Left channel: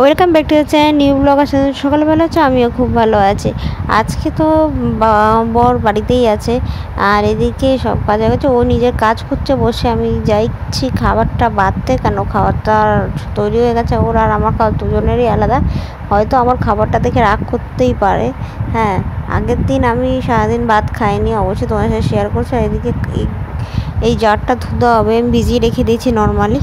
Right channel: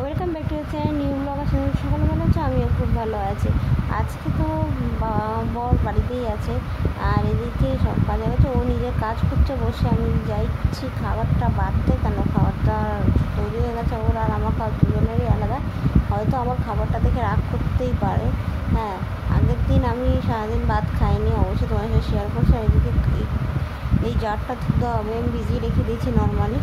Welcome back to the channel new blog. আসলে সকালবেলা হচ্ছে আমিও খুব ভালো আছি। আজকে তো বর বাড়িতেই আছে, আর এদিকে সব কাজ হয়ে গেছে। ও নিজের কাজ করছে বসে, আমি যাইছি খাবারটা বাড়তে, কেন খাবারটা তৈরি হয়ে গেছে। ওর আর আমার খাবার দুজনেরই আলাদা। হয়তো আমার খাবারটা দেখে রাগ করতেই পারে। হ্যাঁ, আগের দিন আমি সারাদিন ভাত খাইনি, অবশ্যই তোমার সাথে শেয়ার করছি। আর এদিকে এই জারটা ধুতে হবে, আমি ভিজিয়ে রেখে দিয়েছি নর্মালি।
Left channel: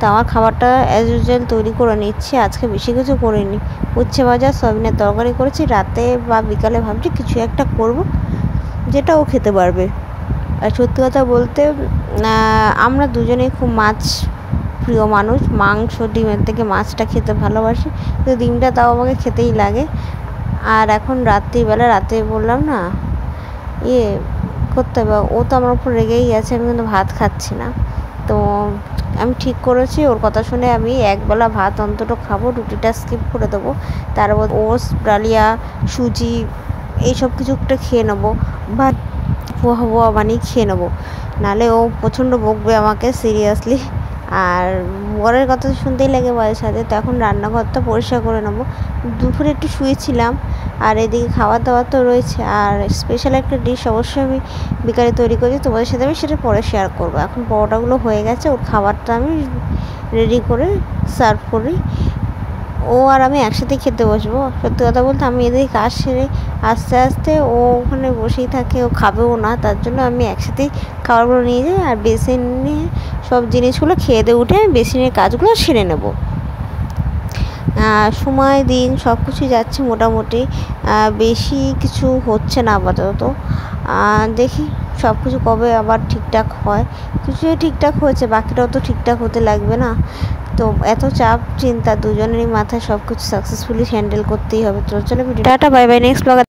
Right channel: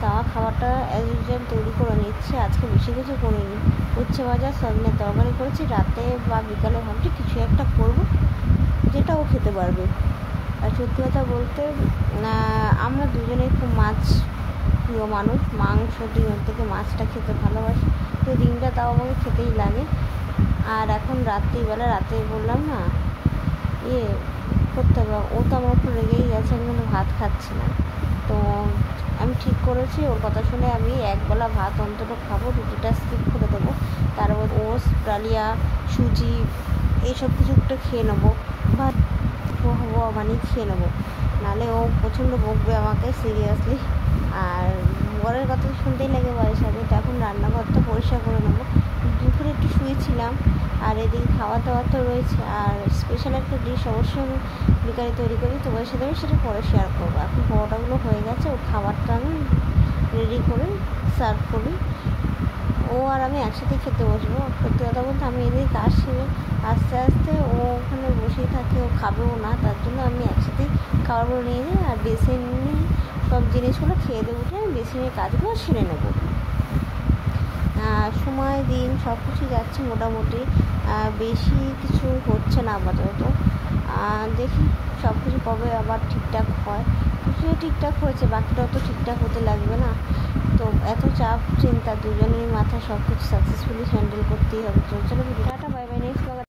তো আমার খাবারটা অ্যাজ ইউজুয়াল তৈরি করে নিচ্ছি। আজকে বেশি কিছু করিনি, উচ্ছে ভাজা সয়াবিনের তরকারি করেছি। রাতে বা বিকালে ভাবছি কিছু একটা করব যেটা ও খেতে পারবে। আর সত্যি কথা বলতে আমরা দুজনেই খুব মাছ প্রিয় মানুষ। মাংস ডিমের থেকে মাছটা খেতে ভালোবাসি, তো ডিমটা তাও আমাকে খেতেই লাগে। আর এখন রাত্রিবেলা, রাতে বললাম না করতে হবে, ও তো আমার উপর রেগেই আছে, আমি কিন্তু ভাত খাচ্ছি না। তো আমি ঠিক করেছি, ওর কথা শুনে আমি একবেলা ভাত অন্তত খাবো, রুটিটা স্কিপ করে দেবো। তারপর ওটস, ডালিয়া, সুজি এইসব কিছু একটা খেয়ে নেবো, ভাত পোহা পোহা বানিয়ে খেয়ে নেবো। নাহলে ও প্রচণ্ড বকবে আমাকে সিরিয়াসলি। আর বরের কথা শুনতেই লাগে মাঝে সাথে। তো এখন রান্নাঘরটা পরিষ্কার করে নেবো। দুপুরে একটু শুয়েছিলাম, আর এদিকে খাবার দাবার তো রয়েছে। আর স্পেশাল একটা ডিশ অবশ্যই আমি বিকালে তৈরি করি, তোমাদের সাথে আমি সেটা পরে শেয়ার করবো। এখন পরোটাগুলো হয়ে গেছে, ওর খাবারটা আমি রেডি করে সার্ভ করি। ও আর আমি একসাথে খেতে বসবো। সত্যি কথা বলতে আমি এদিকে কাজ সেরে আস্তে আস্তে, ও ওখানে বসেই থাকে, ও খাবেও না, তার জন্য আমি একসাথেই খাবারগুলো নিয়ে যাই। আর বেসিনে সব জিনিসগুলো খেয়ে দিয়ে উঠে আমি বেসিনের কাজগুলো সেরে নেব। সময় দিন সব কিছুই যাচ্ছে মোটামুটি, বেশি কিছু হচ্ছে না আপাতত। দেখি সব কিছু কবে আবার ঠিকঠাক হয়। কিছুই ঠিকঠাক হয়েছে, বাকিটাও তো ঠিকঠাক হতে লাগবে না। তো এত চাপ চিন্তা দুজনেরই মাথায়, সব কিছু সাকসেসফুলি হ্যান্ডেল করতেই হবে। তো চলো, tata, bye bye, next blog.